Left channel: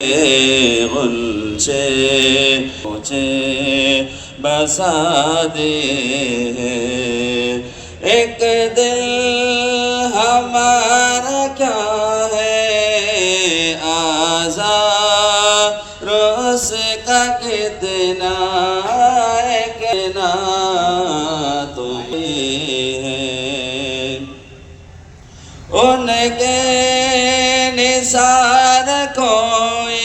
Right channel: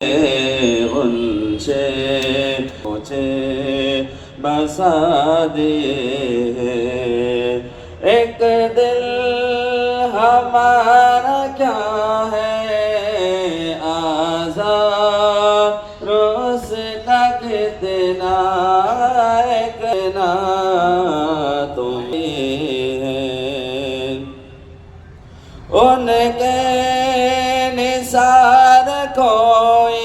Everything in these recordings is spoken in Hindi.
गुलशे मुझे बसा दे, एक दिल हमारा क्या है आज़ाद उसका कितना तुम्हें है, उनके निसार कोई,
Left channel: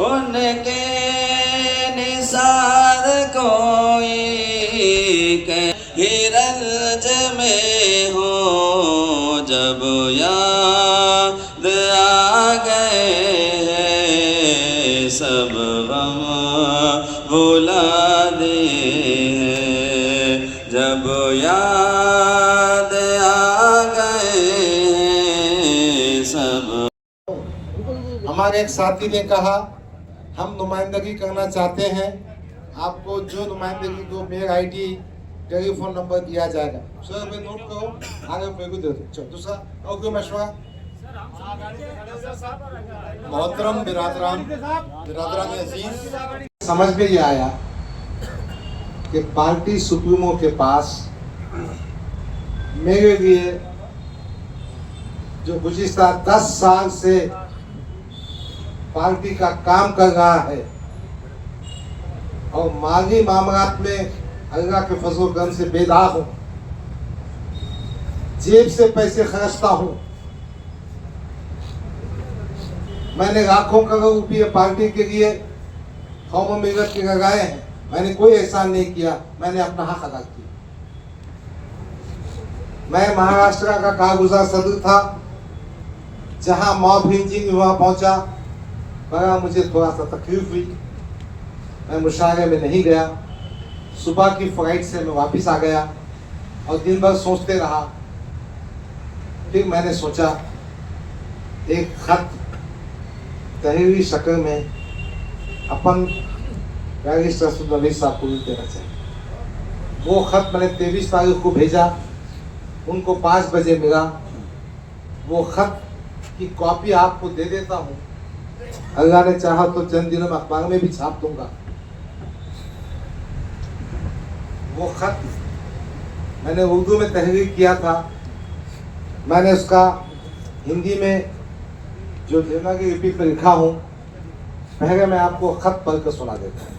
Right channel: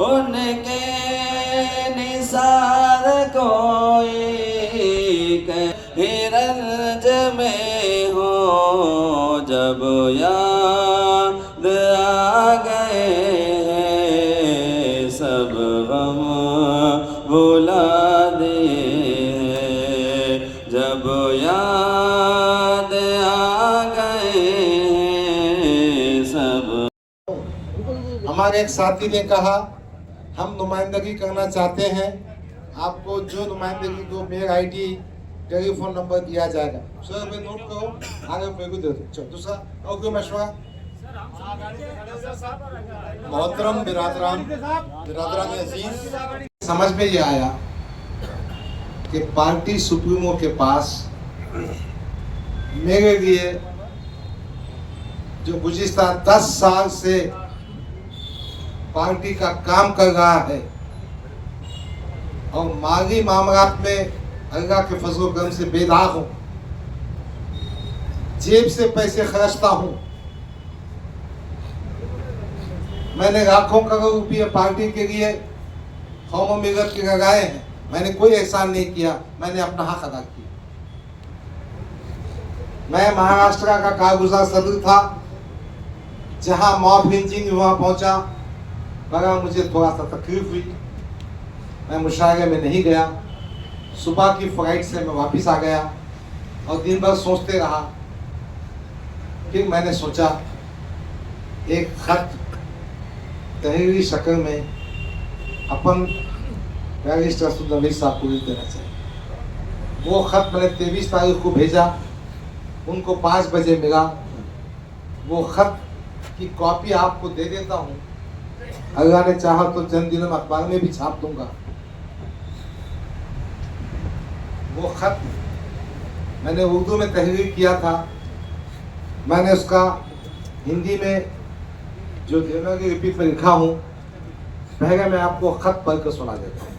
उनके निसार कोई के हिरंज में हो जब याद आ गए सब गम भुला दे, जब याद आ गए सब। हमारे एक साथी ने कहा हम नुमाइंदगी करना चाहते हैं, आपको जो नुमाइंदगी को मेल आईडी टेलीफोन नंबर दिया जाएगा। सर मैं नोट करो, आगे मेरे को दे दो। चलो दूसरा और कोई मशवरा? मोहतरम बिरादरान अजीज, समझ में ये आया कि पार्टी सुप्रीमो के पास मेरे लिए जो गुज़िश्ता 10 साल से पार्टी का काम कर रहा है और माली मामलात में अल्लाह के फजल करम से बेदाग हूँ, जेब से पैसे खर्चता हूँ, मैंने लाखों करोड़ रुपये पार्टी के लिए कौम मिलत के लगाए हैं, मैंने कोई एहसान नहीं किया, मैंने अपना हक अदा किया। मैं महाराष्ट्र का कारगुजार सदर था, जहां मॉब लिंचिंग वहां पहुंचा, मगर मुझे थोड़ा सा तकलीफ हुई, मैं मुशायरे में नहीं गया। सुबह की फ्लाइट से मैं वापस आ गया और दिन भर सोचते रहा। फिर मैंने सोचा एक खत तहरीरी शक्ल में अपन बैरिस्टर नवीद साहब को देना चाहिए। वो खत मैंने 23 तारीख को भेजा, उनको 5 बजे मिला। वो खत की कॉपी आपको दे देता हूँ, अल्लाह ने चाहा तो चंद दिनों में अखबार में भी छाप दूंगा। वो खत मैंने उर्दू में तहरीर किया था, मैंने उसका हिंदी में जो देवनागरी लिपि पर लिखा हूँ, पहले मैं आपको खत पढ़ कर सुना देता हूँ।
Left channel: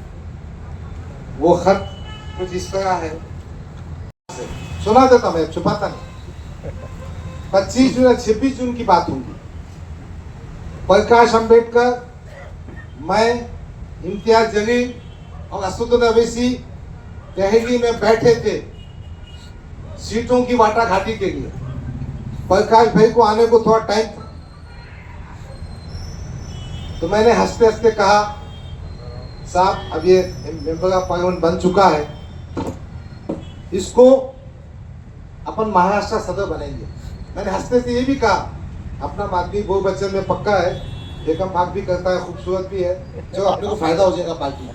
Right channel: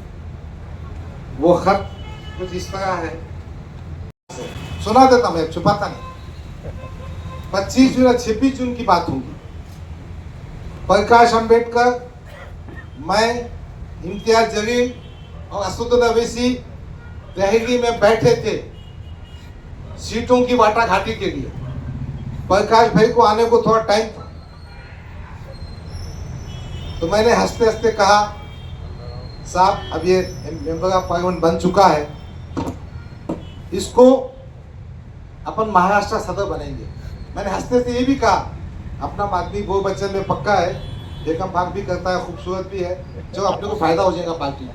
वो खत कुछ इस तरह है, सुना देता मैं, छुपाता नहीं। 25 जून 26 जून की बात होगी। प्रकाश अंबेडकर, मैं, इम्तियाज जलील और असदुद्दीन अवैसी दिल्ली में बैठे थे सीटों की वाटाघाटी के लिए। प्रकाश भाई को आने को थोड़ा टाइम था, तो मैंने हंसते हंसते कहा साहब अब ये मेंबर ऑफ पार्लियामेंट बन चुका है, इसको अपन महाराष्ट्र सदर बनेंगे। मैंने हंसते से ये भी कहा अपना आदमी गोल बच्चन में पक्का है, एकम भाग भी करता है, खूबसूरत भी है, जो अपने को फायदा हो जाएगा पार्टी।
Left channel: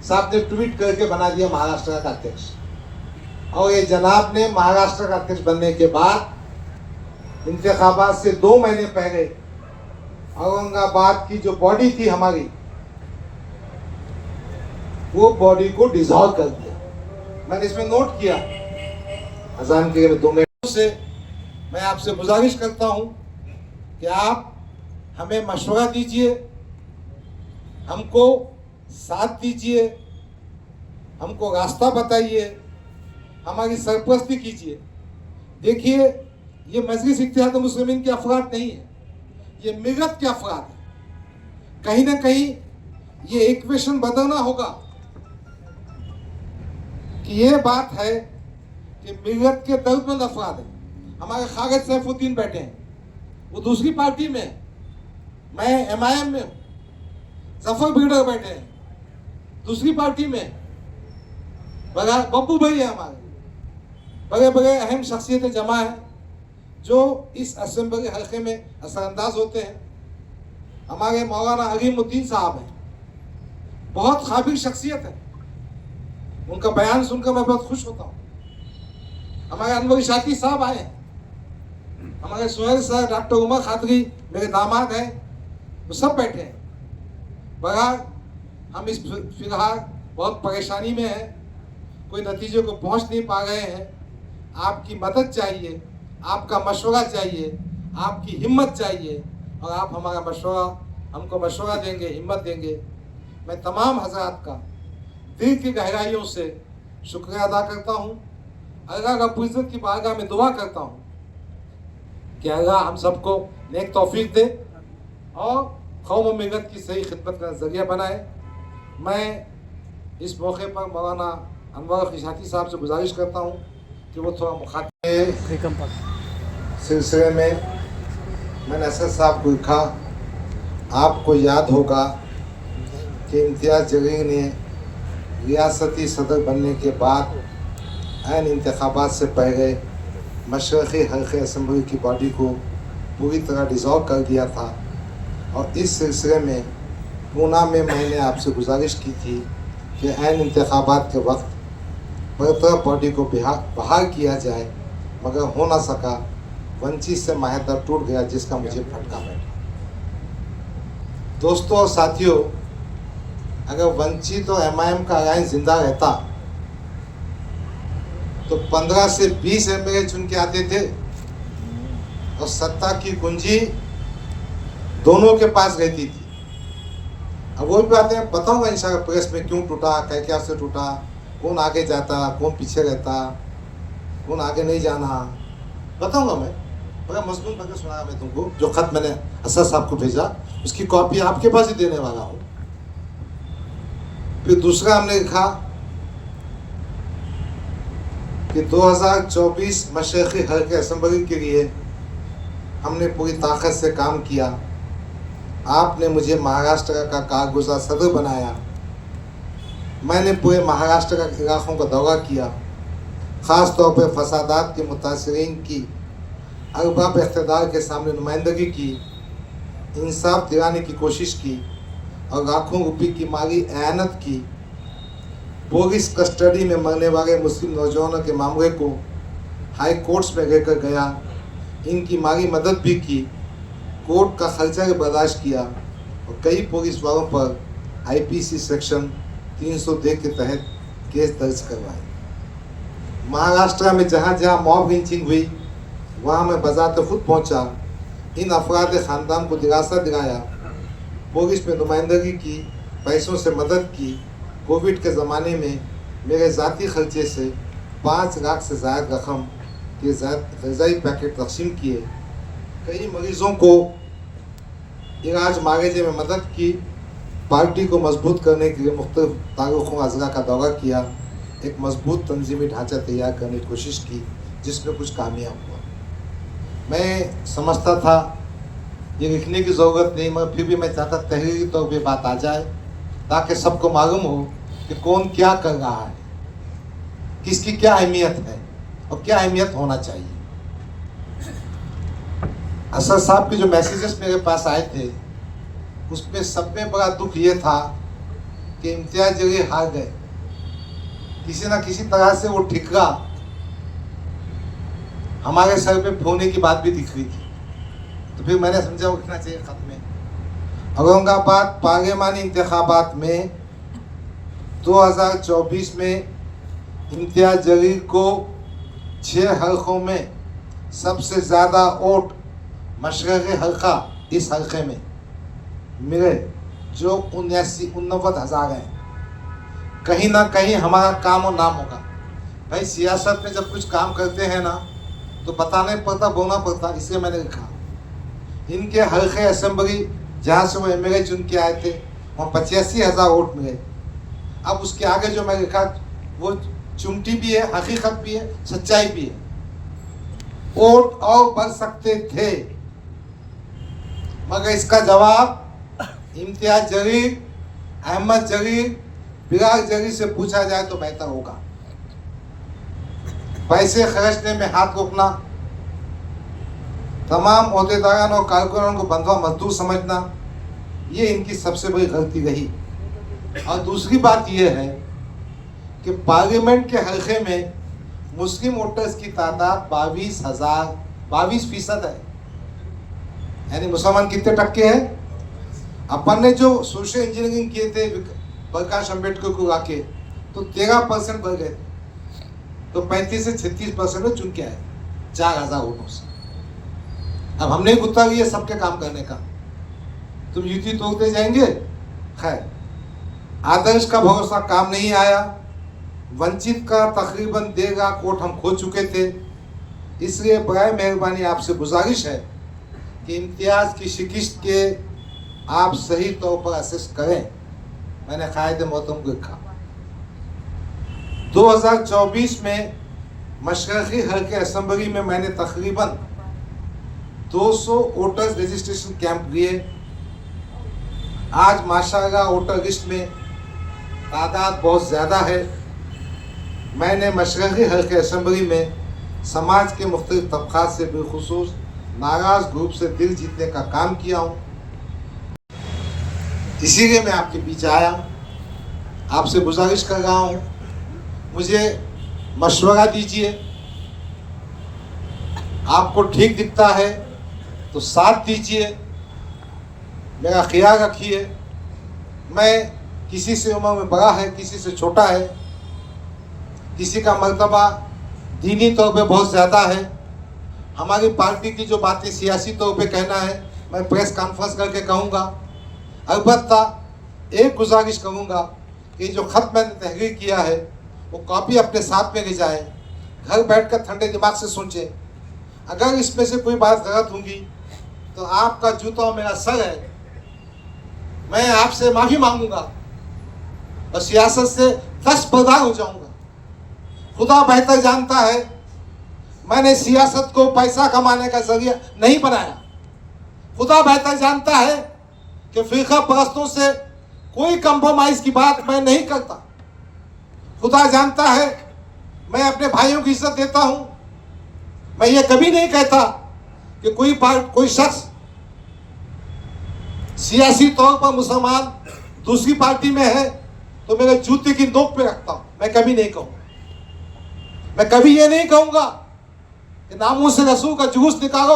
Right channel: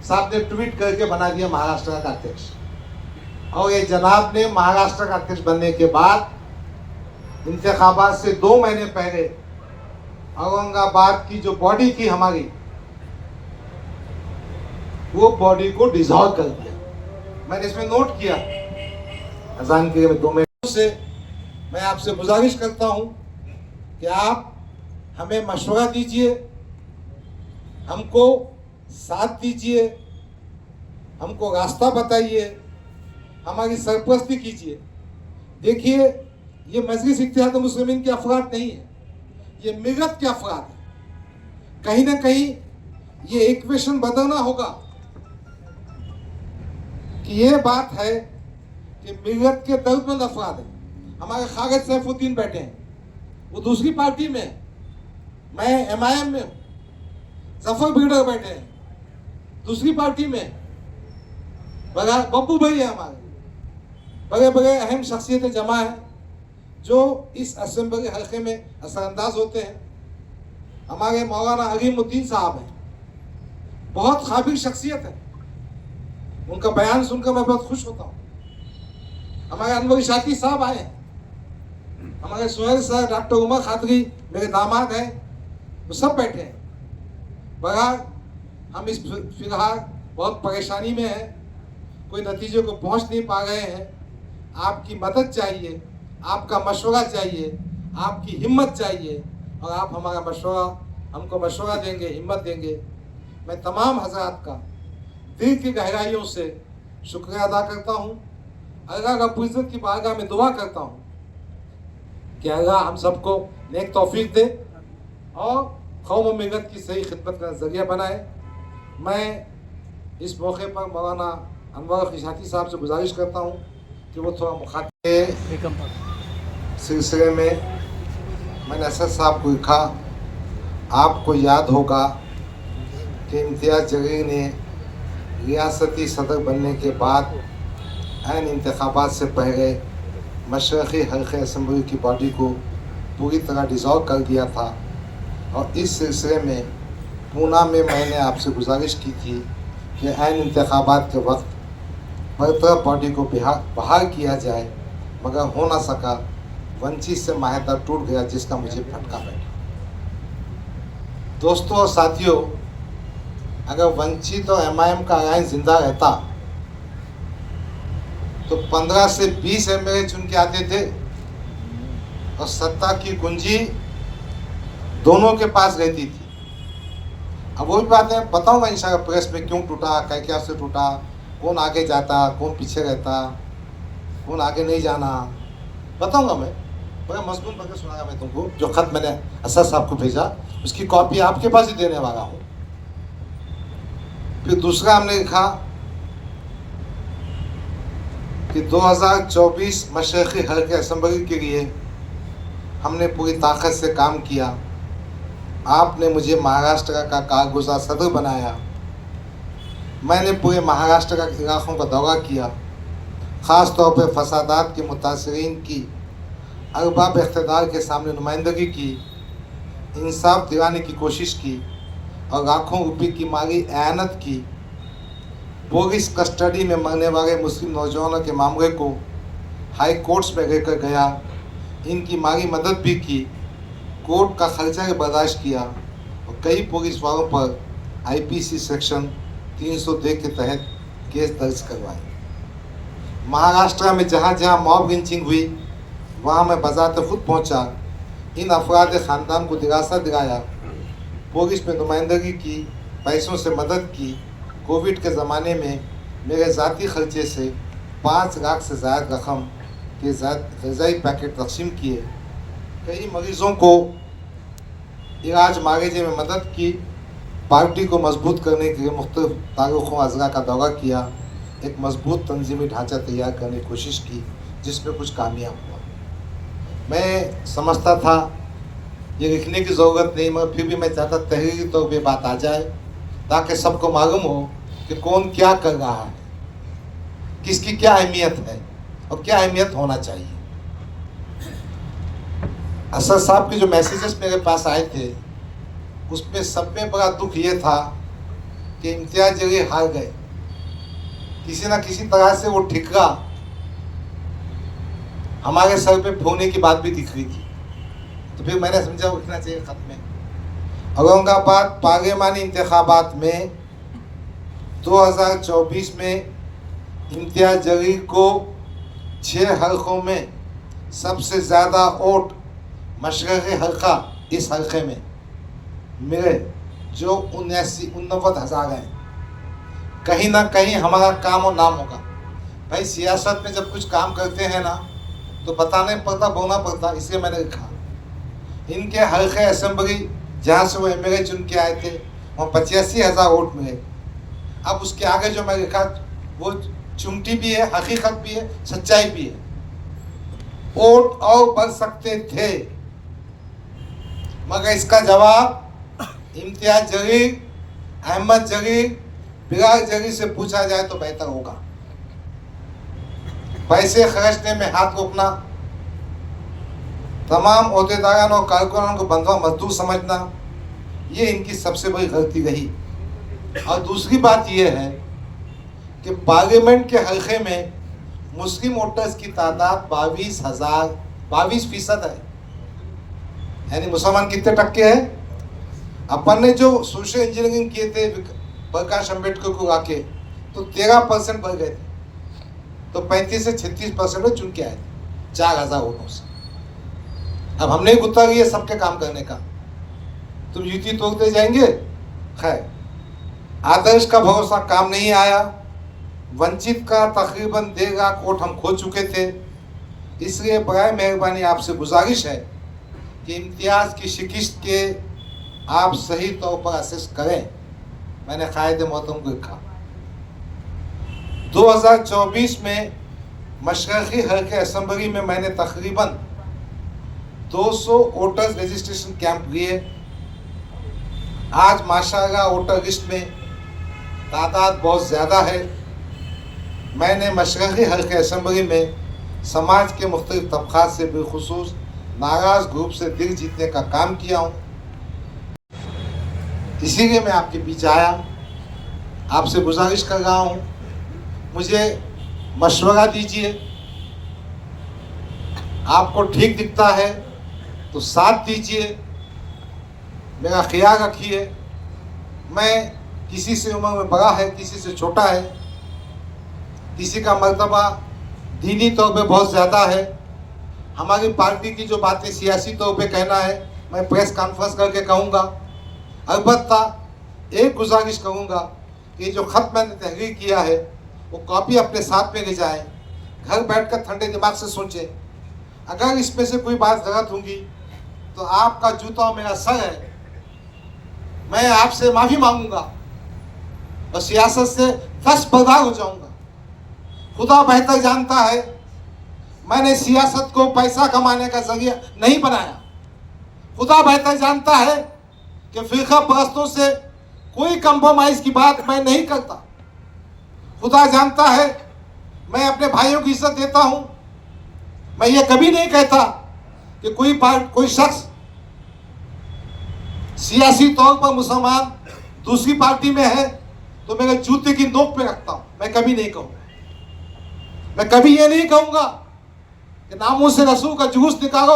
साहब ने ट्वीट करके बना दिया महाराष्ट्र का अध्यक्ष, और ये जनाब ने महाराष्ट्र का अध्यक्ष बनने के बाद इंतखाबात से 2 महीने पहले औरंगाबाद की जो बॉडी थी हमारी, वो बॉडी को डिसॉल्व कर दिया। मैंने इसमें नोट किया। अजान के 2 मिनट से मैं आपसे गुजारिश करता हूं कि आप हमें मशवरा दीजिए, हमको साथ दीजिए, हमको रास्ता बताइए, हमारी सरपरस्ती कीजिए। देखिए ये मजलिस इत्तेहाद मुस्लिमीन के अफराद नहीं है, ये मिलत के अफराद है। कहीं ना कहीं ये इक्वेशन बदलना होगा कि ये बात है कि मिलत के दर्दमंद अफराद है। हमारे खालिद सैफुद्दीन बैठे हैं, वो दूसरी पार्टी में है, मैं MIM में हूँ। जफर बिगड़र बैठे हैं दूसरी पार्टी में, बब्बू भाई है हमारे, बड़े बड़े अहम शख्सियतें जमा है जो इस असेंबली हल्के में असरअंदाज होते हैं। हमारे मौलाना अलीमुद्दीन साहब हैं, बहुत काबिल शख्सियत है, उनका बयान सुनकर मैं बहुत खुश होता हूँ। हमारे अनवर शाती साहब आए, हमारे सुहेल साहब, डॉक्टर उमर खादरी मेरे दामाद हैं, वो सब बैठे हैं। बहरहाल हम इस फिलहाल बहुत परेशानी में हैं, कोई नतीजे को पहुंच नहीं पा रहे हैं। आपकी मदद चाहिए, आपका मशवरा चाहिए, आपकी हिम्मत चाहिए, और आप हमारा मशवरा हमको मशवरा देंगे, हिम्मत देंगे। मैं तमाम हजरात का दिल की गहराइयों से शुक्रिया अदा करता हूँ। अल्लाह रब्बुल इज़्ज़त की बारगाह में दुआ करता हूँ कि अल्लाह हम सबको नेक तौफीक दे और कौम व मिल्लत की सही खिदमत का ज़रिया बनाए। मैं इस मौके पर मौलाना अनवर खिशाती साहब से गुजारिश करता हूँ कि वो थोड़ा मुखातिब सिलसिले में मैंने असद साहब को लिखा। आपको याद होगा कि इम्तियाज़ जलील ने रियासती सदर बनने के बाद ऐन इंतखाबात से पहले मशरक़ी हल्क़े असम्बली की बॉडी को पूरी तरह डिज़ॉल्व कर दिया था, और इस सिलसिले में पूना में मैंने आपसे गुजारिश की थी कि ऐन इंतखाबात के वक्त बरतरफ बॉडी को बहाल किया जाए, मगर हो ना सका। वंचित से माहिदा टूट गया, जिसका मुझे फटका बैठा। दोस्तों और साथियों, अगर वंचित और MIM का अलायंस जिंदा रहता तो 15 से 20 MLA चुन के आते थे, और सत्ता की कुंजी दोनों के पास रहती थी। अब वही बात है, बताऊंगा इंशाल्लाह प्रेस में क्यों टूटा, क्या से टूटा, कौन आगे जाता, कौन पीछे रहता, कौन आगे नहीं जाना, बताऊंगा मैं। बड़ा मजमून पढ़ के सुनाया मैं तुमको। जो खत मैंने असद साहब को भेजा, उसकी कॉपी आपके पास ही देने वाला हूँ। फिर दूसरा हमने लिखा कि 2024 मशरक़ी हल्क़े असम्बली के लिए हमने पूरी ताकत से काम किया। आपने मुझे महाराष्ट्र का कारगुज़ार सदर बनाया। मैंने पूरे महाराष्ट्र का इलाकों का दौरा किया, ख़ास तौर पर फसादात के मुतासरीन की अरबाब इक़्तिदार के सामने नुमाइंदगी की, इंसाफ दिलाने की कोशिश की, और लाखों रुपये की माली एयानत की। पुलिस कस्टडी में मरने वाले मुस्लिम नौजवानों के मामले को हाई कोर्ट्स में लेकर गया, इनकी माली मदद भी की, कोर्ट का खर्चा भी बर्दाश्त किया, और कई पुलिस वालों पर IPC सेक्शन 302 के तहत केस दर्ज करवाए। महाराष्ट्र में जहाँ जहाँ मॉब लिंचिंग हुई, वहाँ मैं बज़ाते खुद पहुँचा, इन अफराद ख़ानदान को दिलासा दिलाया, पुलिस में नुमाइंदगी की, पैसों से मदद की। कोविड के ज़माने में मेरे ज़ाती खर्चे से 5 लाख से ज़्यादा रकम के ग़िज़ाई पैकेट तकसीम किए। कई मरीज़ों को इलाज मांगेजे में मदद की। पार्टी को मजबूत करने के लिए मुख्तलिफ तारुक़ों अज़ला का दौरा किया। एक मजबूत तंजीमी ढांचा तैयार करने की कोशिश की, जिसमें कुछ कामयाब हुआ। मैं समझता था ये लिखने की ज़रूरत नहीं, मगर फिर भी मैं चाहता तहरीरी तौर पर बात आ जाए, ताकि सबको मालूम हो कि कौन क्या कर रहा है, किसकी क्या अहमियत है और क्या अहमियत होना चाहिए। असद साहब के जो मैसेजेस मेरे पास आए थे, उसमें सब में बड़ा दुख ये था कि इम्तियाज़ जलील हार गए। किसी ना किसी तरह से वो ठिकरा हमारे सर पे फोड़ने की बात भी दिख रही थी। तो फिर मैंने समझा उठना चाहिए खत में। औरंगाबाद पार्लिमानी इंतखाबात में 2024 में इम्तियाज़ जलील को 6 हल्कों में सबसे ज़्यादा वोट मशरक़ी हल्का इस हल्के में मिले, जो 79,000 हैं। कहीं ना कहीं हमारा काम और नाम होगा। भाई सियासत में जब कुछ काम करते हैं ना, तो बताना पड़ता, बोलना पड़ता। इसलिए मैंने लिखा इनके हल्के असेंबली जहाँ से वो MLA चुन के आए थे, वहाँ 85,000 वोट मिले। अब उसके आगे जो मैं लिखा वो चुमटी भी है, हकीकत भी है, सच्चाई भी है। वोट और बढ़ सकते थे, मगर इसका जवाब इम्तियाज़ जलील, अहमद जलील, बिलाल जलील से पूछा जाए तो बेहतर होगा। पैसे खर्चने में हाथ रोकना, तमाम ओहदेदारों और कारकुनों को बंधुआ मजदूर समझना, ये इनकी सबसे बड़ी गलती रही। और दूसरी बात यह है कि पार्लियामेंट के हल्के में मुस्लिम वोटर्स की तादाद 22% है। यानी मुसलमान कितने टक्के हैं? अपन ने जो सोशल इंजीनियरिंग किए थे प्रकाश अम्बेडकर को आके, तो 13% बढ़ गए थे, तो 35 से 36% में चुन के आए 4000 वोटों से। अब हमने गुत्ता लिया सबके काम करने का, तुम युति तोड़ते जाएंगे। खैर, आदर्श का भरोसा काम नहीं आया, वंचित का तकरीबन 1.5 लाख वोट हम खो चुके थे। इसलिए बराए मेहरबानी आपसे गुजारिश है कि इम्तियाज की शिकस्त के आप सही तौर पर असेस करें। मैंने कायदे मोहतरम को लिखा 2024 में मशरक़ी हल्के असेंबली में मैंने तकरीबन 200 वोटर्स रजिस्ट्रेशन कैंप लिए। आज माशाअल्लाह वोटर लिस्ट में तादाद बहुत ज़्यादा है। मैंने मशरक़ी हल्के असेंबली में समाज के मुख्तलिफ तबक़ात से बिलखुसूस नाराज़ ग्रुप से दिल जीतने का काम किया हूँ। इसीलिए मैं आपके बीच आया, आपसे गुजारिश कर रहा हूँ, मुझे मशवरा दीजिए। आपको ठीक दिखता है तो साथ दीजिए, मेरा ख्याल रखिए। मैं किसी से उम्र में बड़ा है, किसी से छोटा है, किसी का मर्तबा दीनी तौर पे बहुत ज़्यादा है। हमारी पार्टी की जो बातें सियासी तौर पे कहना है मैं प्रेस कॉन्फ्रेंस करके कहूँगा। अलबत्ता एक गुजारिश करूँगा कि जो ख़त मैंने तहरीर किया है वो कॉपी अपने साथ में ले जाए, घर बैठकर ठंडे दिमाग से सोचें। अगर इसमें से कोई बात गलत होगी तो आपका जूता मेरा सर है, मैं आपसे माफ़ी मांगूंगा और सियासत से दस्तबरदार हो जाऊंगा। खुदा बेहतर जानता है, मैंने सियासत को पैसा कमाने का जरिया नहीं बनाया। खुदा बेहतर जानता है कि फिरका परस्तों से कोई कंप्रोमाइज की बात मैं नहीं करता। खुदा जानता है मैं अपने भाइयों की इज्जत देता हूं। मैं ये कभी नहीं कहता कि कोई शख्स सियासी तौर पर मुसलमान दूसरी पार्टी में है तो मेरे जूते की नोक पे रखता हूं। मैं कभी नहीं कहूंगा। मैं कभी ये नहीं कहूंगा कि नामूस से रसूल का जुलूस निकालो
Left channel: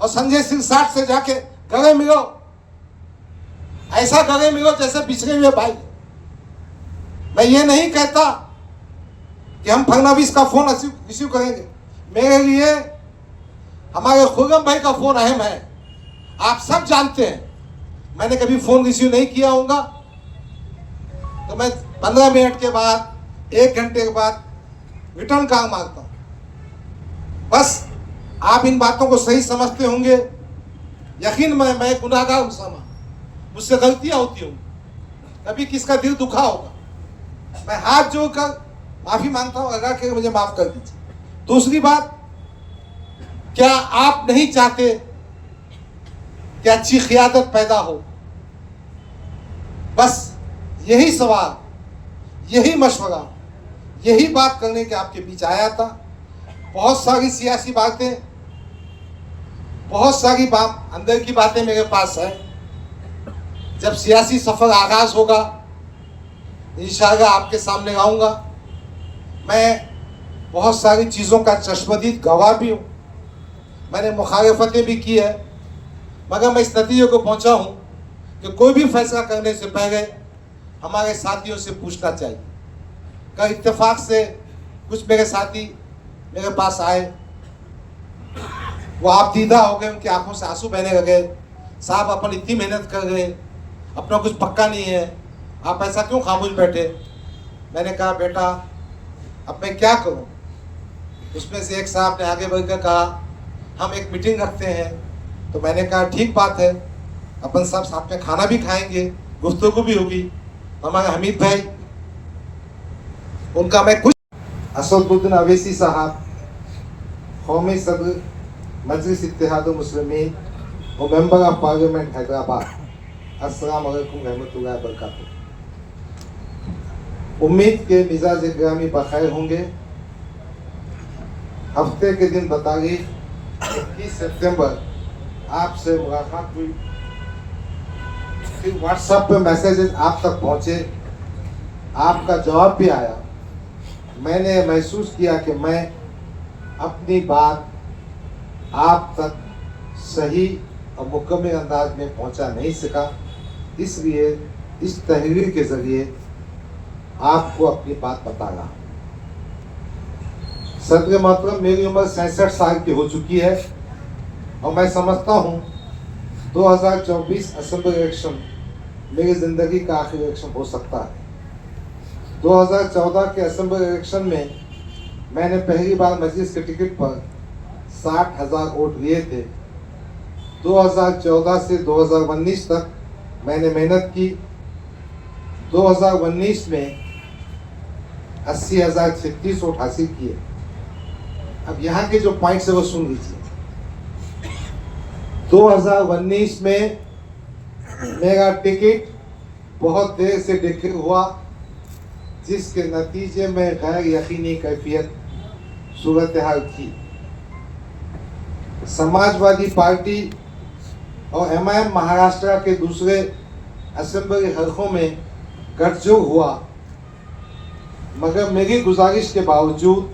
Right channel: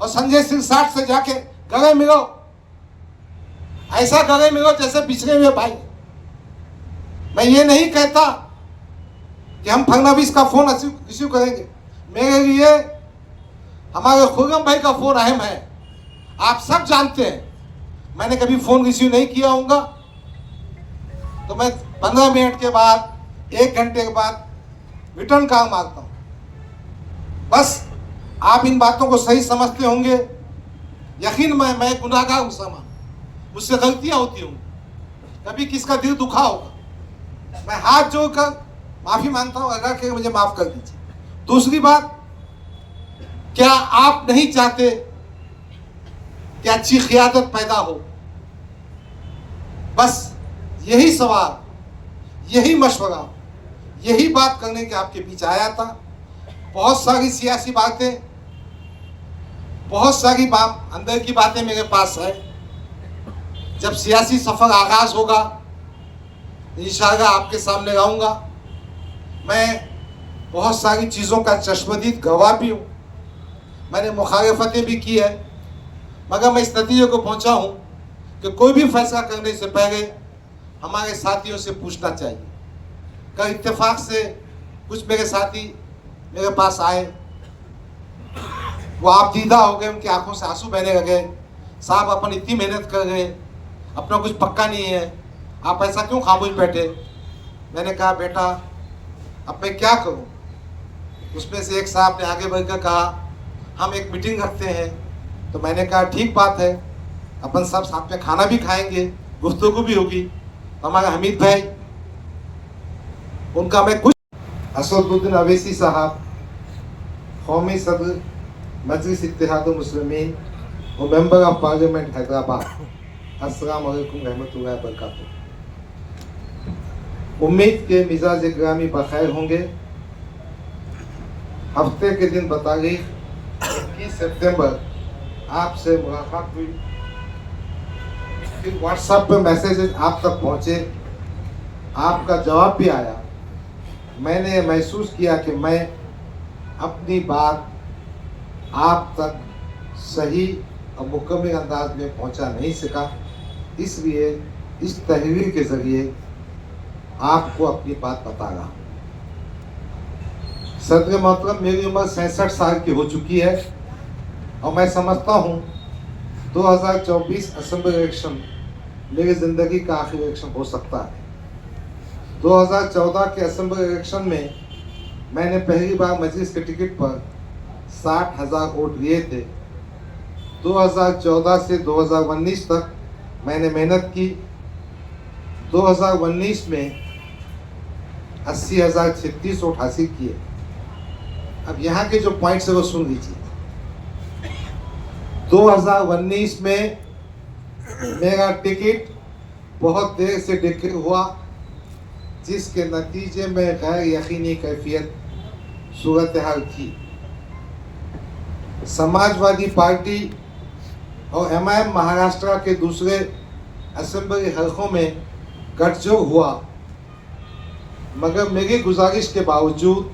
और संजय सिंह साठ से जाके गले मिलो, ऐसा गले मिलो जैसे पिछले हुए भाई। मैं ये नहीं कहता कि हम फडणवीस का फोन रिसीव करेंगे। मेरे लिए हमारे खुर्रम भाई का फोन अहम है, आप सब जानते हैं। मैंने कभी फोन रिसीव नहीं किया होगा तो मैं 15 मिनट के बाद, 1 घंटे के बाद रिटर्न कॉल मांगता हूं। बस आप इन बातों को सही समझते होंगे। यकीन मैं गुनाहगार हूं, मुझसे गलतियां होती होंगी, कभी किसका दिल दुखा होगा। मैं हाथ जोड़कर माफी मांगता हूं, अल्लाह के मुझे माफ कर दीजिए। दूसरी बात, क्या आप नहीं चाहते कि अच्छी क़ियादत पैदा हो? बस यही सवाल, यही मशवरा, यही बात करने के आपके बीच आया था। बहुत सारी सियासी बातें, बहुत सारी अंदर की बातें मेरे पास है। जब सियासी सफर आगाज होगा इंशाअल्लाह आपके सामने आऊँगा। मैं बहुत सारी चीज़ों का चश्मदीद गवाह भी हूँ, मैंने मुखालफतें भी की है, मगर मैं इस नतीजे को पहुँचा हूँ कि कोई भी फैसला करने से पहले हमारे साथियों से पूछना चाहिए। कल इत्तेफाक से कुछ मेरे साथी मेरे पास आए, वो आप दीदा हो गए, उनकी आंखों से आंसू बहने लगे। साहब अपन इतनी मेहनत कर रहे, अपना कुछ पक्का नहीं है, आप ऐसा क्यों खामोश बैठे? मैंने कहा बेटा अब मैं क्या करूं? उसमें से एक साहब ने आगे बढ़कर कहा हम एक मीटिंग रखते हैं। तो मैंने कहा ठीक बात है, अपन सब साथ में खाना भी खाएंगे, गुफ्तगू भी होगी। हमारे हमीद भाई, उनका मैं कुछ असदुद्दीन अवैसी साहब, कौमी सदर मजलिस इत्तेहादुल मुस्लिमीन और मेंबर ऑफ पार्लियामेंट हैदराबाद, अस्सलाम वालेकुम रहमतुल्लाहि व बरकातुहू। उम्मीद के मिजाज ग्रामी बखैर होंगे। हफ्ते के दिन बतारीख 21 सितंबर आपसे मुलाकात हुई, फिर व्हाट्सएप पे मैसेजेस आप तक पहुंचे, आपका जवाब भी आया। मैंने महसूस किया कि मैं अपनी बात आप तक सही और मुकम्मल अंदाज में पहुंचा नहीं सका। इसलिए इस तहरीर के जरिए आपको अपनी बात बता रहा हूँ। सदर मोहतरम, मेरी उम्र 67 साल की हो चुकी है और मैं समझता हूँ 2024 असेंबली इलेक्शन मेरी जिंदगी का आखिरी इलेक्शन हो सकता है। 2014 के असेंबली इलेक्शन में मैंने पहली बार मजलिस के टिकट पर 60,000 वोट लिए थे। 2014 से 2019 तक मैंने मेहनत की। 2019 में 80,036 वोट हासिल किए। अब यहाँ के जो पॉइंट्स है वो सुन लीजिए। 2019 में मेरा टिकट बहुत देर से डिक्लेयर हुआ, जिसके नतीजे में गैर यकीनी कैफियत सूरत हाल थी। समाजवादी पार्टी और एमआईएम महाराष्ट्र के दूसरे असेंबली हलकों में गठजोड़ हुआ, मगर मेरी गुजारिश के बावजूद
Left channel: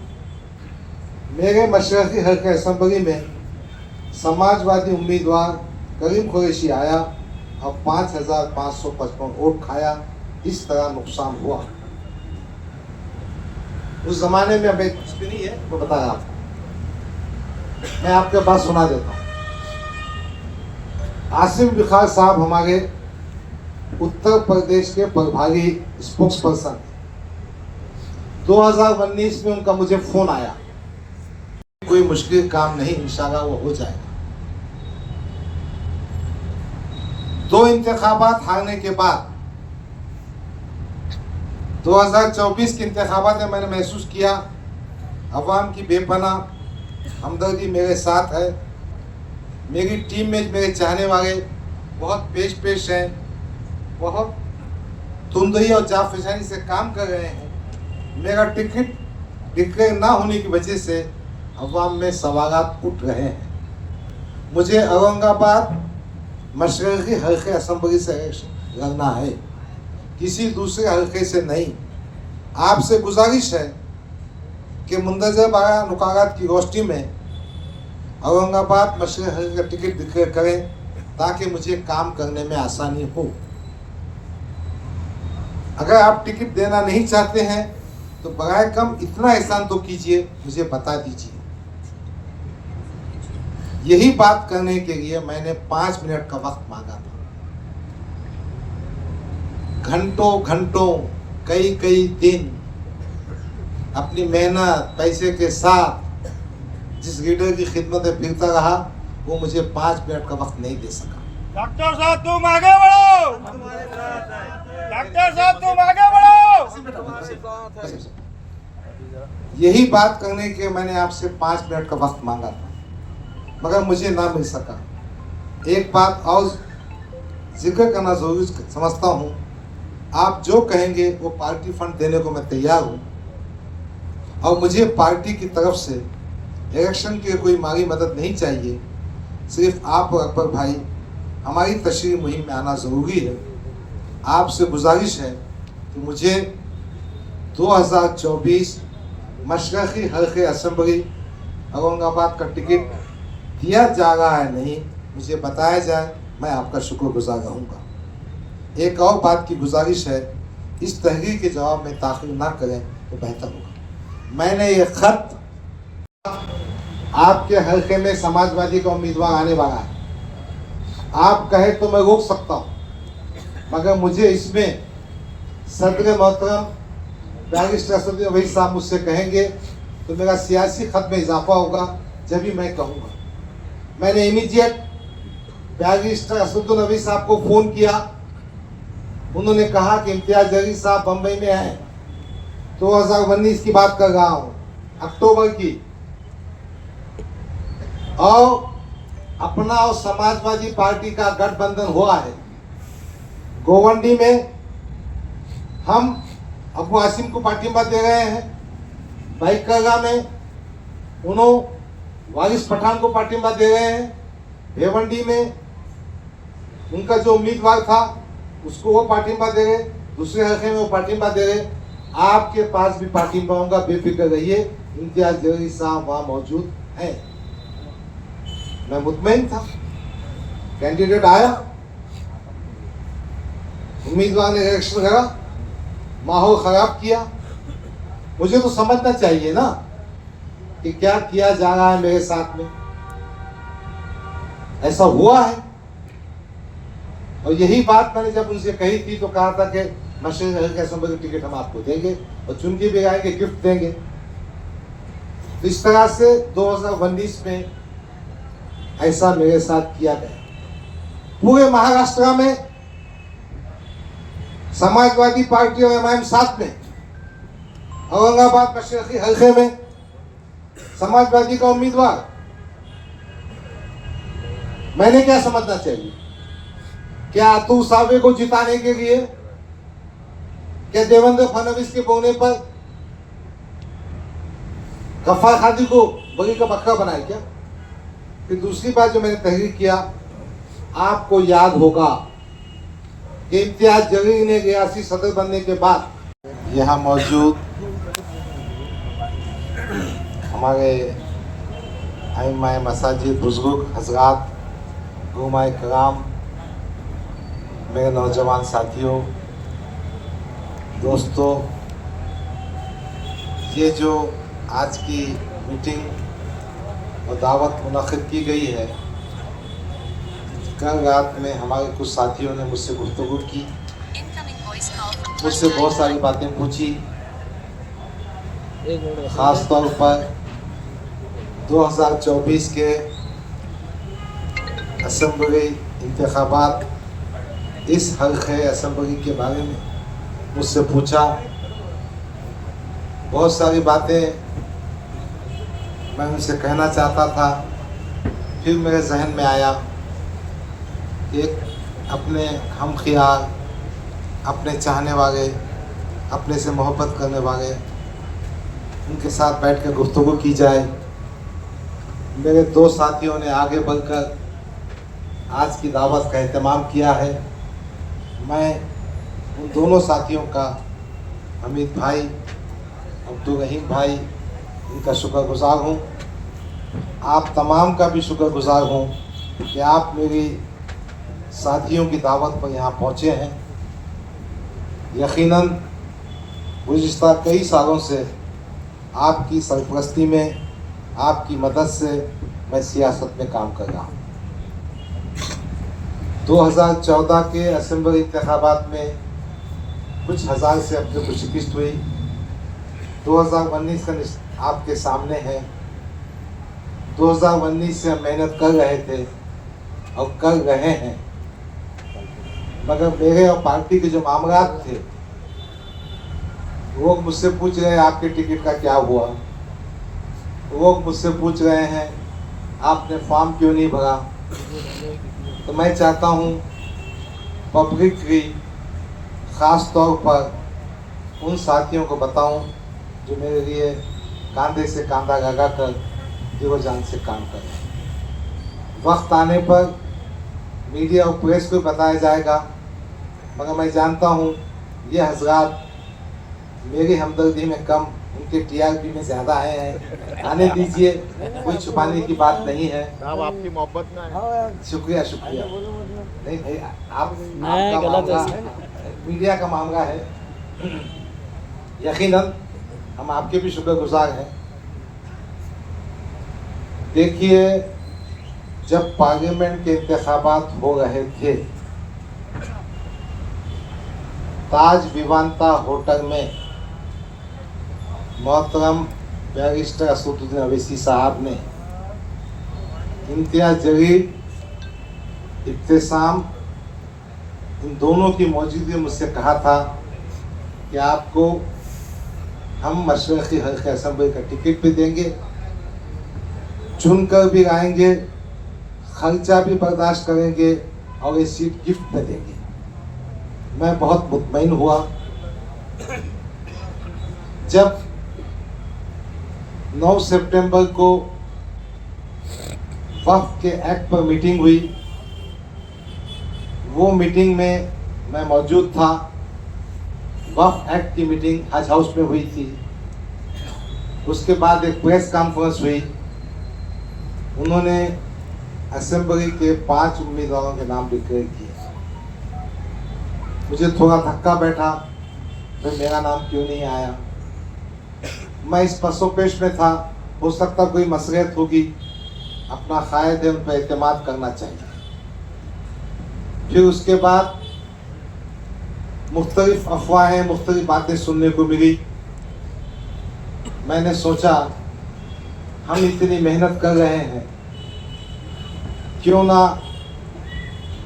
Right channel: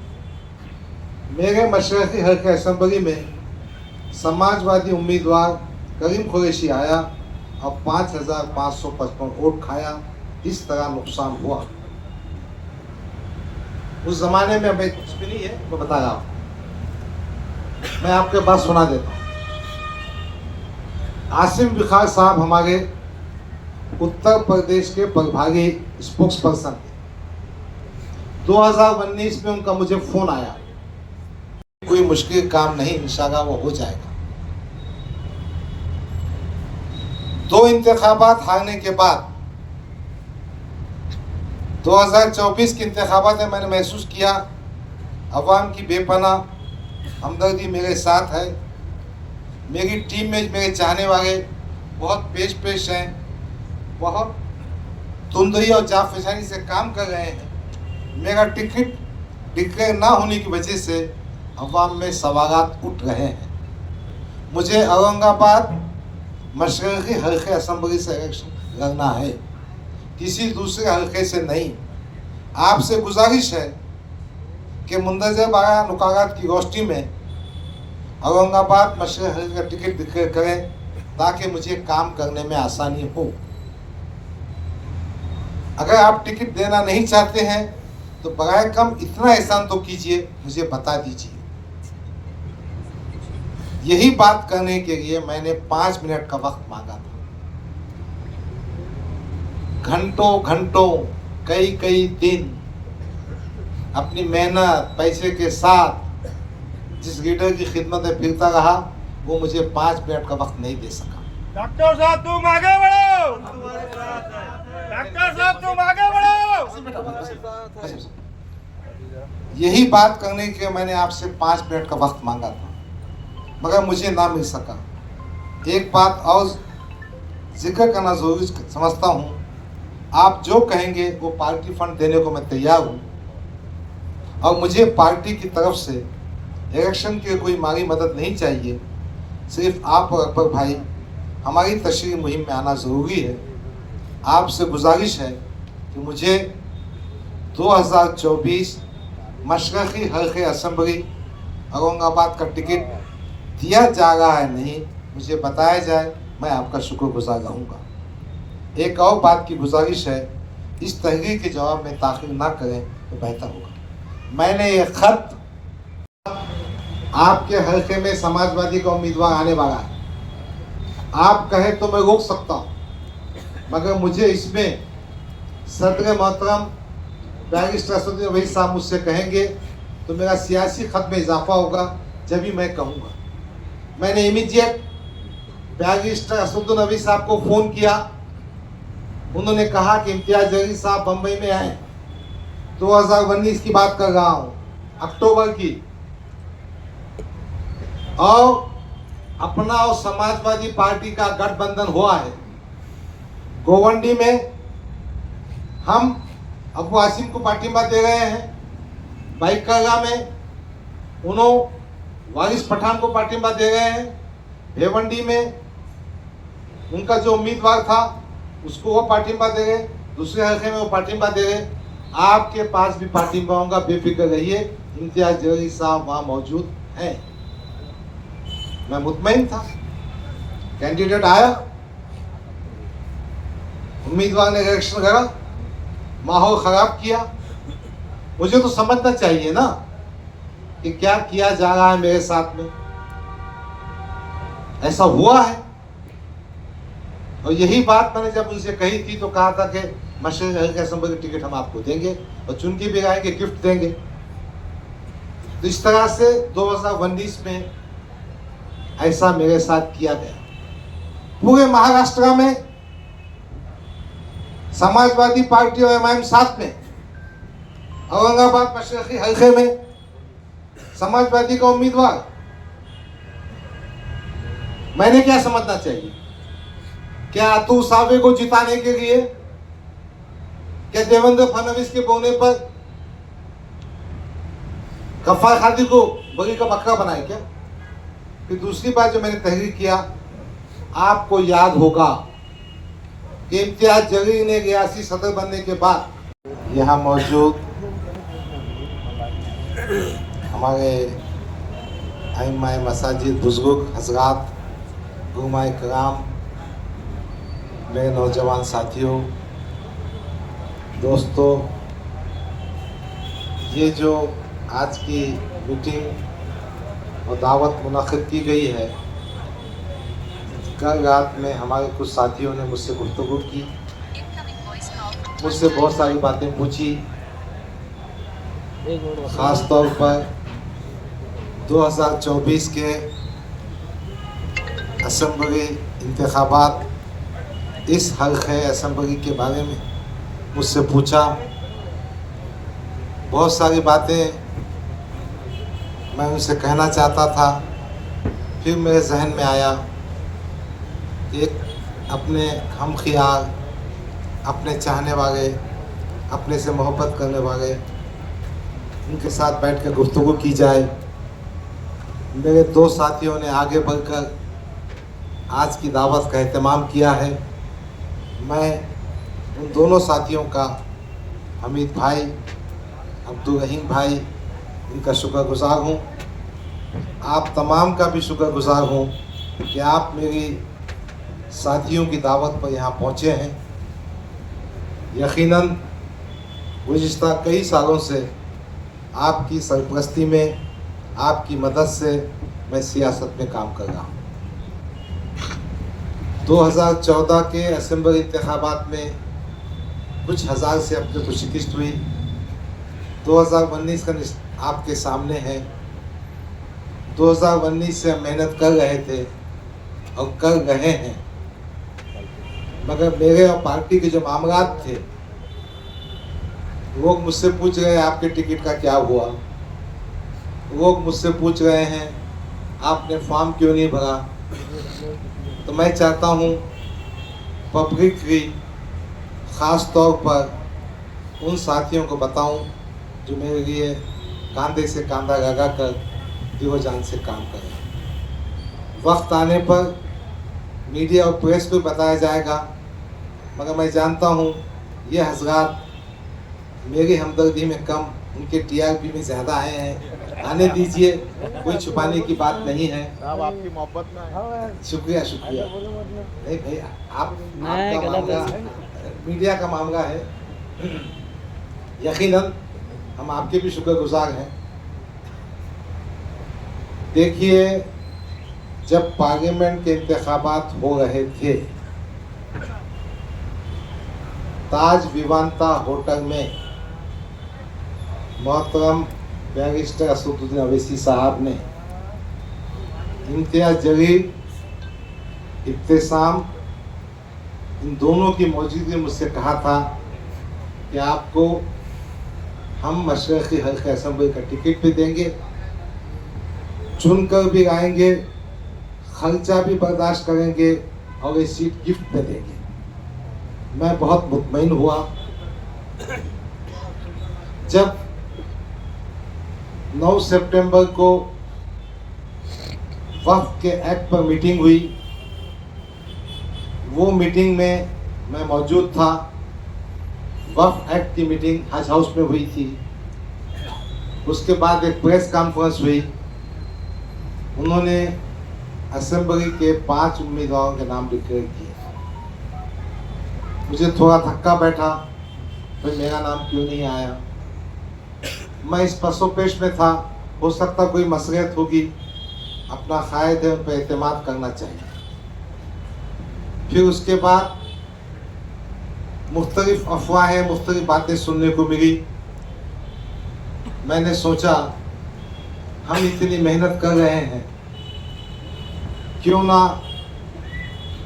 मेरे मशरक़ी हल्के असेंबली में समाजवादी उम्मीदवार करीम कुरैशी आया और 5,555 वोट खाया। इस तरह नुकसान हुआ। उस जमाने में मैं कुछ भी नहीं है, वो बता रहा हूँ। मैं आपके पास सुना देता हूँ। आसिम बिखार साहब हमारे उत्तर प्रदेश के प्रभारी स्पोक्स पर्सन थे। 2019 में उनका मुझे फोन आया, कोई मुश्किल काम नहीं, इंशाल्लाह वो हो जाएगा। 2 इंतखाबात हारने के बाद 2024 के इंतखाबात में मैंने महसूस किया अवाम की बेपनाह हमदर्दी मेरे साथ है। मेरी टीम में मेरे चाहने वाले बहुत पेश हैं, बहुत तुंदरी और जाफिशानी से काम कर रहे हैं। मेरा टिकट डिक्लेयर ना होने की वजह से अवाम में सवालात उठ रहे हैं। मुझे औरंगाबाद मशरक़ी हल्के असेंबली से इलेक्शन लड़ना है, किसी दूसरे हल्के से नहीं। आपसे गुजारिश है कि मुंदरजा बारह नुकारात की रोशनी में औरंगाबाद मशरक़ी हल्के का टिकट डिक्लेयर करें, ताकि मुझे काम करने में आसानी हो। अगर आप टिकट देना नहीं चाहते हैं तो बराए कम इतना एहसान तो कीजिए, मुझे बता दीजिए। यही बात करने के लिए मैंने 5 मिनट का वक्त मांगा था। घंटों कई दिन अपनी मेहनत पैसे के साथ जिस लीडर की खिदमत में फिरता रहा, वो मुझे 5 मिनट का वक्त नहीं दे सका। डॉक्टर साहब तुम आगे बढ़ो, डॉक्टर साहब तुम आगे बढ़ो। यही बात करने के मैंने आपसे 5 मिनट का वक्त मांगा था, मगर मुझे ना मिल सका। एक बात और जिक्र करना जरूरी समझता हूँ, आप जो कहेंगे वो पार्टी फंड देने को मैं तैयार हूँ, और मुझे पार्टी की तरफ से इलेक्शन के कोई माली मदद नहीं चाहिए। सिर्फ आप और अकबर भाई हमारी तशरीह मुहिम में आना ज़रूरी है। आपसे गुजारिश है कि मुझे 2024 मशरक़ी हल्के असेंबली औरंगाबाद का टिकट दिया जा रहा है नहीं, मुझे बताया जाए, मैं आपका शुक्रगुजार रहूँगा। एक और बात की गुजारिश है, इस तहरीर के जवाब में ताख़ीर ना करें तो बेहतर होगा। मैंने ये खत, आपके हल्के में समाजवादी का उम्मीदवार आने वाला है, आप कहे तो मैं रोक सकता हूँ, मगर मुझे इसमें सदर मोहतरम बैरिस्टर असदुद्दीन ओवैसी साहब मुझसे कहेंगे तो मेरा सियासी खत में इजाफा होगा, जब भी मैं कहूँगा। मैंने इमीडिएट बैरिस्टर असदुद्दीन ओवैसी साहब को फ़ोन किया। उन्होंने कहा कि इम्तियाज जलील साहब बम्बई में हैं, 2019 की बात कर रहा हूँ, अक्टूबर की, और अपना और समाजवादी पार्टी का गठबंधन हुआ है। गोवंडी में हम अबू आसिम को पार्टिंबा दे रहे हैं, बाइकरगा में उन्होंने वारिस पठान को पार्टिंबा दे रहे हैं, भेवंडी में उनका जो उम्मीदवार था उसको वो पार्टिंबा दे रहे, दूसरे हल्के में वो पार्टिंबा दे रहे। आपके पास भी पार्टिंबा होगा, बेफिक्र रहिए, इम्तियाज जलील साहब वहाँ मौजूद हैं। मैं मुतमईन था, कैंडिडेट आया, उम्मीदवार ने इलेक्शन करा, माहौल खराब किया। मुझे तो समझना चाहिए ना कि क्या किया जा रहा है मेरे साथ में। ऐसा हुआ है। और यही बात मैंने जब उनसे कही थी तो कहा था कि मशरक़ी हल्का असेंबली की टिकट हम आपको देंगे और चुन के भी आएंगे, गिफ्ट देंगे। तो इस तरह से 2019 में ऐसा मेरे साथ किया गया। पूरे महाराष्ट्र में समाजवादी पार्टी और एमआईएम साथ में, औरंगाबाद मशरक़ी हल्के में समाजवादी का उम्मीदवार। मैंने क्या समझना चाहिए? क्या अतुल सावे को जिताने के लिए, क्या देवेंद्र फडणवीस के बोने पर गफ्फार खादी को बगी का बकरा बनाए क्या? फिर दूसरी बात जो मैंने तहरीर किया, आपको याद होगा कि इम्तियाज जलील ने रियासी सदर बनने के बाद यहाँ मौजूद हमारे आइम्मा मसाजिद, बुजुर्ग हजरात, गुमाए कराम, मेरे नौजवान साथियों, दोस्तों, ये जो आज की मीटिंग और दावत मुनक़िद की गई है, कल रात में हमारे कुछ साथियों ने मुझसे गुफ्तगू की, मुझसे बहुत सारी बातें पूछी। ख़ास तौर पर 2024 के असेंबली इंतखाबात, इस हल्के असेंबली के बारे में मुझसे पूछा। बहुत सारी बातें मैं उनसे कहना चाहता था। फिर मेरे जहन में आया एक अपने हम ख्याल, अपने चाहने वाले, अपने से मोहब्बत करने वाले, उनके साथ बैठकर गुफ्तगू की जाए। मेरे दो साथियों ने आगे बढ़कर आज की दावत का एहतमाम किया है। मैं उन दोनों साथियों का, हमीद भाई, अब्दुल रहीम भाई, इनका शुक्रगुजार हूँ। आप तमाम का भी शुक्रगुजार हूँ कि आप मेरी साथियों की दावत पर यहाँ पहुँचे हैं। यकीनन गुज़िश्ता कई सालों से आपकी सरपरस्ती में, आपकी मदद से मैं सियासत में काम कर रहा हूँ। 2014 के असेंबली इंतखाबात में कुछ हज़ार से अपने को शिकस्त हुई। 2019 का आपके सामने है। 2019 से हम मेहनत कर रहे थे और कर रहे हैं, मगर मेरे और पार्टी के जो मामलात थे, लोग मुझसे पूछ रहे हैं आपके टिकट का क्या हुआ। लोग मुझसे पूछ रहे हैं आपने फॉर्म क्यों नहीं भरा। तो मैं चाहता हूँ पब्लिकली, ख़ास तौर पर उन साथियों को बताऊं जो मेरे लिए कांधे से कांधा लगा कर दिलो जान से काम करें। वक्त आने पर मीडिया और प्रेस को बताया जाएगा, मगर मैं जानता हूँ ये हजरात मेरी हमदर्दी में कम, उनके टीआरपी में ज़्यादा हैं। आने दीजिए, कोई छुपाने की बात नहीं है। आपकी मोहब्बत में शुक्रिया शुक्रिया। नहीं भाई, आपका मामला मीडिया का मामला है। यकीनन हम आपके भी शुक्रगुजार हैं। देखिए, जब पार्लियामेंट के इंतखाबात हो रहे थे, ताज विवांता होटल में मोहतरम बैरिस्टर असदुद्दीन अवैसी साहब ने इम्तियाज जलील, इब्तिसाम, इन दोनों की मौजूदगी में मुझसे कहा था कि आपको हम मशरक़ी हल्का असेंबली का टिकट भी देंगे, चुनकर भी लाएंगे, खर्चा भी बर्दाश्त करेंगे और ये सीट गिफ्ट में देंगे। मैं बहुत मुतमईन हुआ जब 9 सितंबर को वक्फ के एक्ट पर मीटिंग हुई। वो मीटिंग में मैं मौजूद था। वक्फ एक्ट की मीटिंग हज हाउस में हुई थी। उसके बाद एक प्रेस कॉन्फ्रेंस हुई। उन्होंने असेंबली के 5 उम्मीदवारों के नाम डिक्लेयर किए। मुझे थोड़ा धक्का बैठा, फिर मेरा नाम क्यों नहीं आया। मैं इस पसोपेश में था, हो सकता कोई मसलियत होगी, अपना कायद है उन पर एतमाद करना चाहिए। फिर उसके बाद मुख्तलिफ अफवाहें, मुख्तलिफ बातें सुनने को मिली। मैंने सोचा हम इतनी मेहनत कर रहे हैं, क्यों ना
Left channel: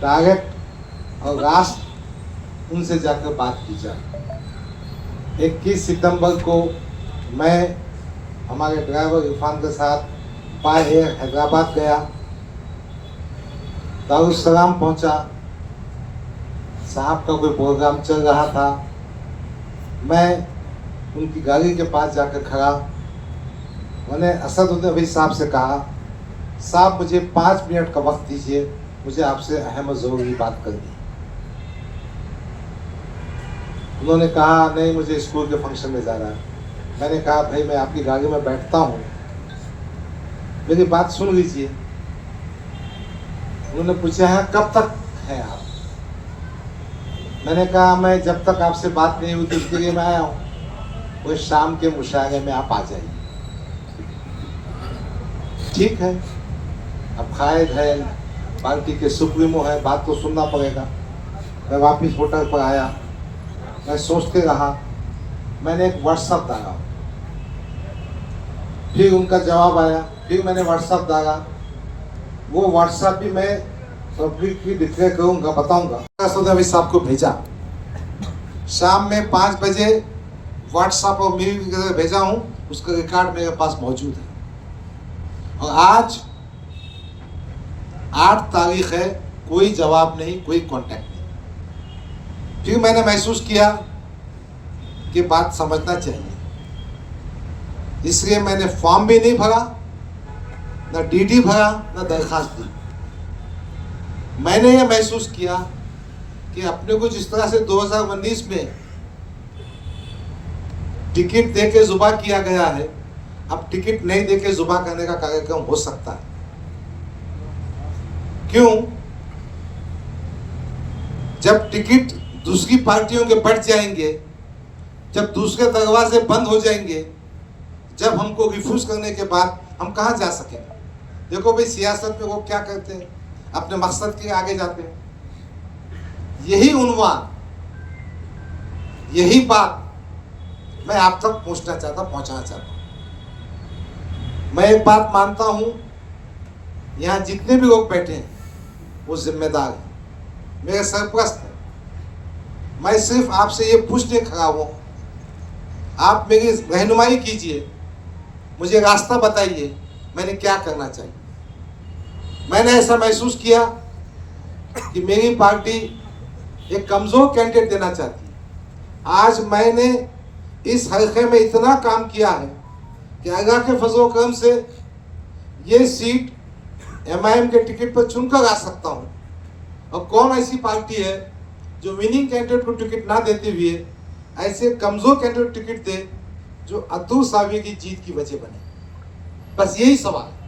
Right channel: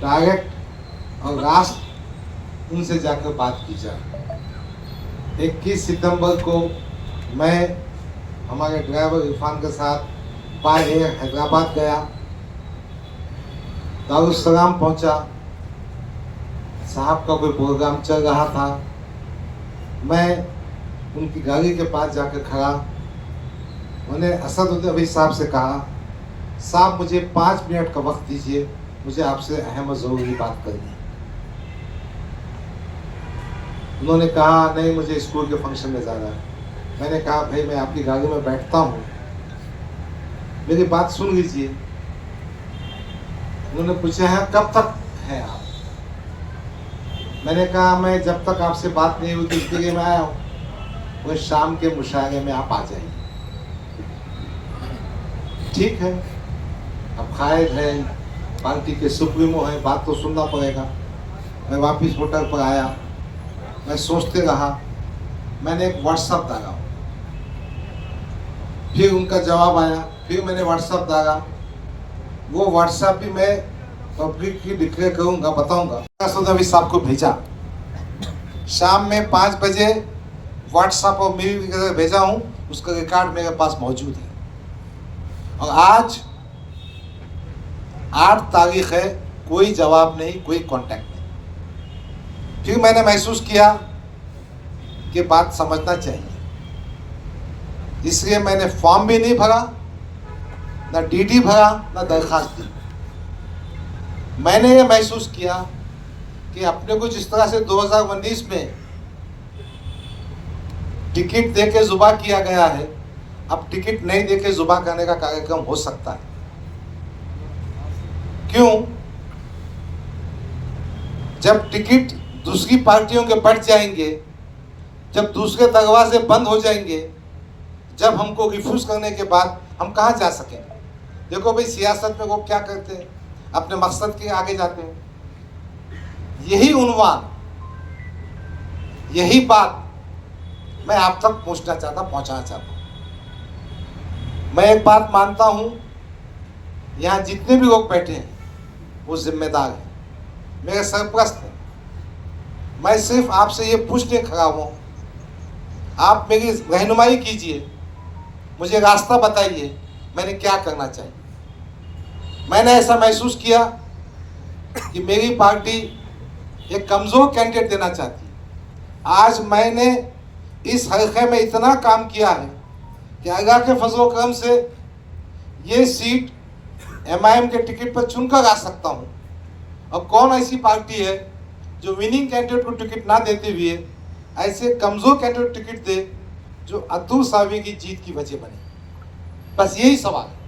डायरेक्ट और राष्ट्र उनसे जाकर बात की जाए। 21 सितंबर को मैं हमारे ड्राइवर इरफान के साथ बाय एयर हैदराबाद गया, दारुस्सलाम पहुंचा। साहब का कोई प्रोग्राम चल रहा था। मैं उनकी गाड़ी के पास जाकर खड़ा। मैंने असद अभी साहब से कहा, साहब मुझे 5 मिनट का वक्त दीजिए, मुझे आपसे अहम और ज़रूरी बात करनी है। उन्होंने कहा नहीं, मुझे स्कूल के फंक्शन में जाना है। मैंने कहा भाई मैं आपकी गाड़ी में बैठता हूँ, मेरी बात सुन लीजिए। उन्होंने पूछा है कब तक है आप? मैंने कहा मैं जब तक आपसे बात नहीं हुई इसके लिए मैं आया हूँ, वो शाम के मुशायरे में आप आ जाइए। ठीक है, अब कायद है, पार्टी के सुप्रीमो है, बात तो सुनना पड़ेगा। मैं वापिस होटल पर आया, मैं सोचते रहा। मैंने एक व्हाट्सएप डाला, फिर उनका जवाब आया, फिर मैंने व्हाट्सएप डाला। वो व्हाट्सएप भी मैं पब्लिकली डिक्लेयर करूंगा, बताऊंगा। असद साहब को भेजा, शाम में 5 बजे व्हाट्सएप और मेल भेजा हूं, उसका रिकॉर्ड मेरे पास मौजूद है। और आज 8 तारीख है, कोई जवाब नहीं, कोई कांटेक्ट नहीं। फिर मैंने महसूस किया कि बात समझना चाहिए, इसलिए मैंने फॉर्म भी नहीं भरा, ना डीडी भरा, ना दरखास्त दी। मैंने ये महसूस किया कि अपने को जिस तरह से 2019 में टिकट देके जुबा किया गया है, अब टिकट नहीं देके जुबा करने का कार्यक्रम हो सकता है। क्यों? जब टिकट दूसरी पार्टियों के बढ़ जाएंगे, जब दूसरे दरवाजे बंद हो जाएंगे, जब हमको रिफ्यूज करने के बाद हम कहां जा सकेंगे? देखो भाई, सियासत में वो क्या करते हैं, अपने मकसद के आगे जाते हैं। यही उन्वान, यही बात मैं आप तक पहुंचाना चाहता हूं। मैं एक बात मानता हूं, यहां जितने भी लोग बैठे हैं वो जिम्मेदार हैं, मेरे सरपरस्त हैं। मैं सिर्फ आपसे ये पूछने खड़ा हूं, आप मेरी रहनुमाई कीजिए, मुझे रास्ता बताइए, मैंने क्या करना चाहिए। मैंने ऐसा महसूस किया कि मेरी पार्टी एक कमजोर कैंडिडेट देना चाहती है। आज मैंने इस हल्के में इतना काम किया है कि अल्लाह के फजल करम से ये सीट MIM के टिकट पर चुनकर आ सकता हूँ। और कौन ऐसी पार्टी है जो विनिंग कैंडिडेट को टिकट ना देते हुए ऐसे कमजोर कैंडिडेट टिकट दे जो अतुल सावी की जीत की वजह बने? बस यही सवाल है।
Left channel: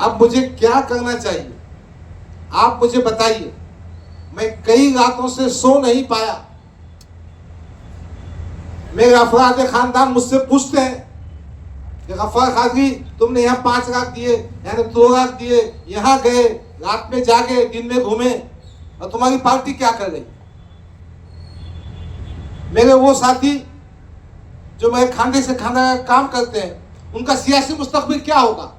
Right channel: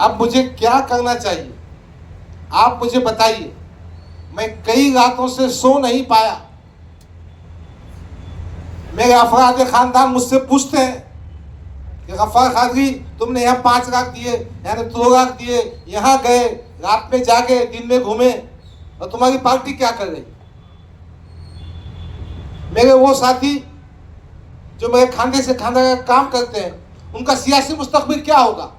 अब मुझे क्या करना चाहिए, आप मुझे बताइए। मैं कई रातों से सो नहीं पाया। मेरे अफराद खानदान मुझसे पूछते हैं कि गफ्फार कादरी, तुमने यहाँ 5 लाख दिए, यहाँ 2 लाख दिए, यहाँ गए, रात में जागे, दिन में घूमे, और तुम्हारी पार्टी क्या कर रही? मेरे वो साथी जो मेरे खाने से खाना का काम करते हैं, उनका सियासी मुस्तकबिल क्या होगा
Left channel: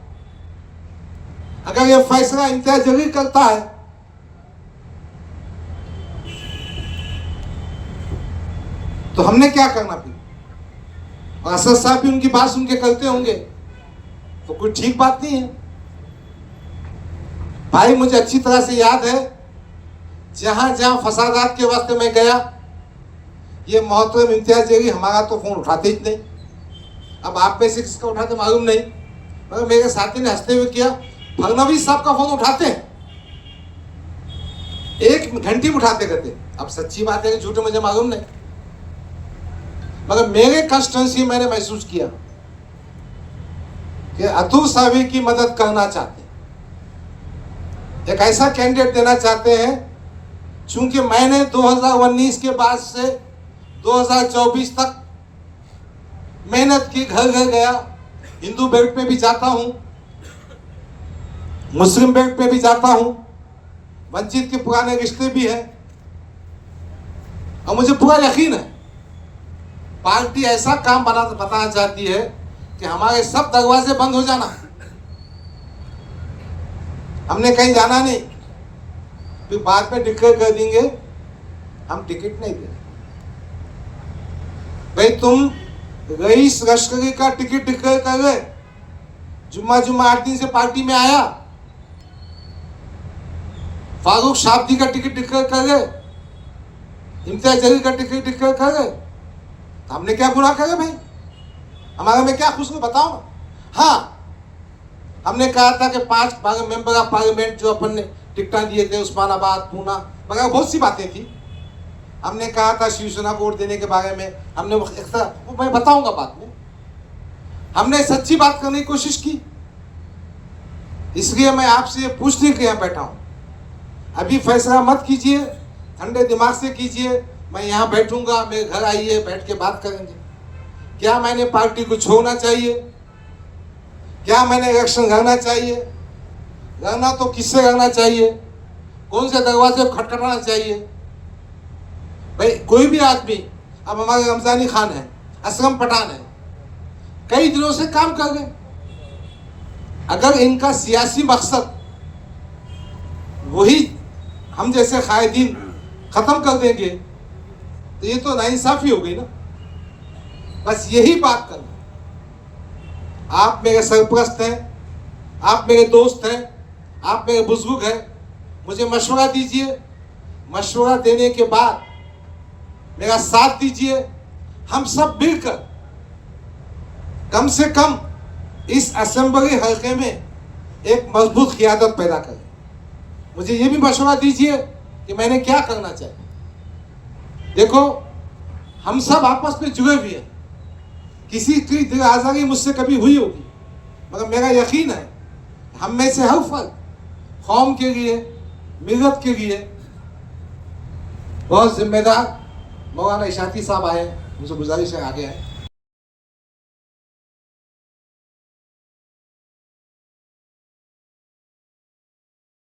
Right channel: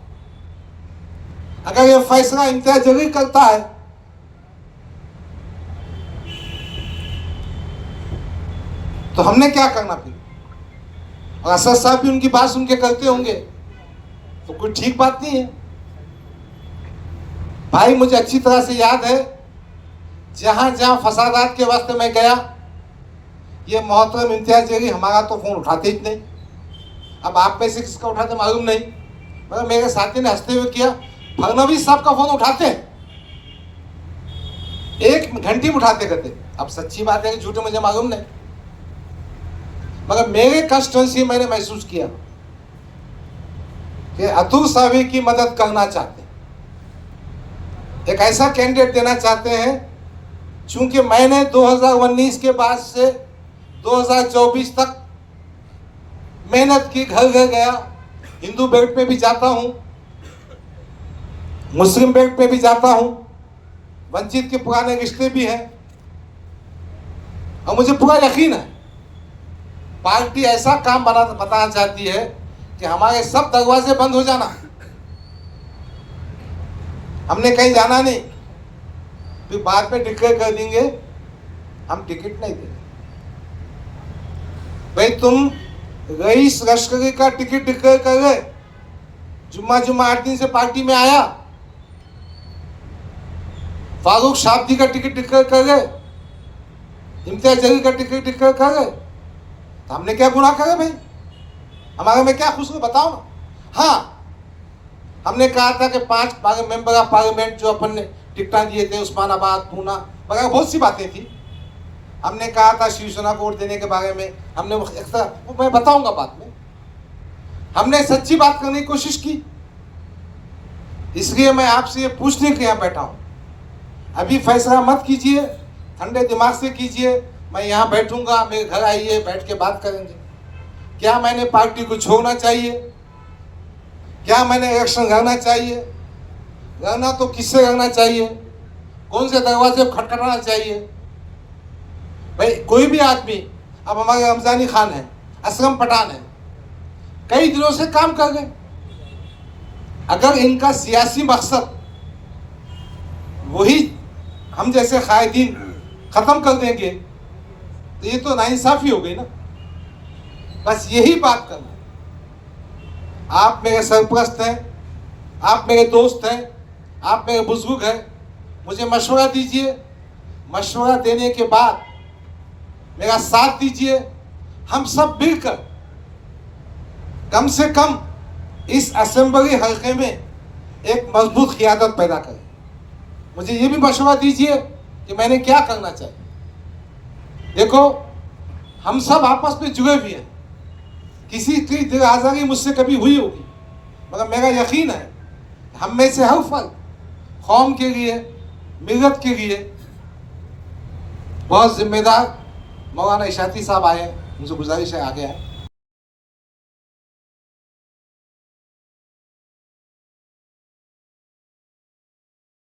अगर ये फैसला इम्तियाज जलील करता है? तो हमने क्या करना फिर? और असद साहब भी उनकी बात सुन के करते होंगे, तो कोई ठीक बात नहीं है। भाई, मुझे अच्छी तरह से याद है, जहां जहां फसादात के वास्ते मैं गया, ये मोहतरम इम्तियाज जलील हमारा तो फोन उठाते ही नहीं। अब आप में से किसका उठाते मालूम नहीं, मगर मेरे साथी ने हंसते हुए किया, फडणवीस साहब का फोन उठाते हैं, 1 घंटे में उठाते करते। अब सच्ची बात है कि झूठे मुझे मालूम नहीं, मगर मेरे कंस्टिट्यूंसी मैंने महसूस किया कि अतुल सावी की मदद करना चाहते हैं, एक ऐसा कैंडिडेट देना चाहते हैं चूंकि मैंने 2019 के बाद से 2024 तक मेहनत की, घर घर गया, हिंदू बेल्ट पे भी जाता हूं, मुस्लिम बेल्ट पे भी जाता हूं, वंचित के पुराने रिश्ते भी हैं, और मुझे पूरा यकीन है पार्टी ऐसा काम बताना चाहती है कि हमारे सब दरवाजे बंद हो जाना। हमने कहीं जाना नहीं, फिर बाद में डिक्लेयर कर देंगे हम टिकट नहीं देंगे। भाई तुम रईस लश्करी का टिकट डिक्लेयर कर गए, जुम्मा 8 दिन से पार्टी में आया, फारूक शाब्दी का टिकट डिक्लेयर कर गए, इम्तियाज जलील का टिकट डिक्लेयर कर गए, तो हमने क्या गुनाह करे भाई? हमारे में क्या खुश बताओ ना। हाँ, हमने कहा था कि 5 मेंबर ऑफ पार्लियामेंट जो अपन ने टिकटा दिए थे, उस्मानाबाद, पूना वगैरह बहुत सी बातें थी। हमने कहा था शिवसेना को वोट देने के बारे में, हमने वो मैं बताऊंगा बाद में। हमने सच्ची बात करने की कोशिश की, इसलिए मैं आपसे ये पूछने के यहाँ बैठा हूँ। अभी फैसला मत कीजिए, ठंडे दिमाग से कीजिए। मैं यहाँ बैठूंगा, मेरे घर आइए, बैठ के बात करेंगे। क्या मैंने पार्टी को छोड़ना चाहिए? क्या मैंने इलेक्शन लड़ना चाहिए? लड़ना तो किससे लड़ना चाहिए? कौन से दरवाजे को खटखटाना चाहिए? भाई कोई भी आदमी, अब हमारे रमजानी खान है, असलम पठान है, कई दिनों से काम कर गए। अगर इनका सियासी मकसद वही हम जैसे कायदीन खत्म कर देंगे तो ये तो नाइंसाफी हो गई ना। बस यही बात करना। आप मेरे सरपरस्त हैं, आप मेरे दोस्त हैं, आप मेरे बुजुर्ग हैं, मुझे मशवरा दीजिए। मशवरा देने के बाद मेरा साथ दीजिए। हम सब मिलकर कम से कम इस असेंबली हल्के में एक मजबूत क़ियादत पैदा करें। मुझे ये भी मशवरा दीजिए कि मैंने क्या करना चाहिए। देखो, हम सब आपस में जुड़े हुए हैं। किसी की दिल आज़ारी मुझसे कभी हुई होगी, मगर मेरा यकीन है हम में से हर फर्द कौम के लिए, मिल्लत के लिए बहुत जिम्मेदार। मौलाना इशाती साहब आए, मुझे गुजारिश है आगे आए।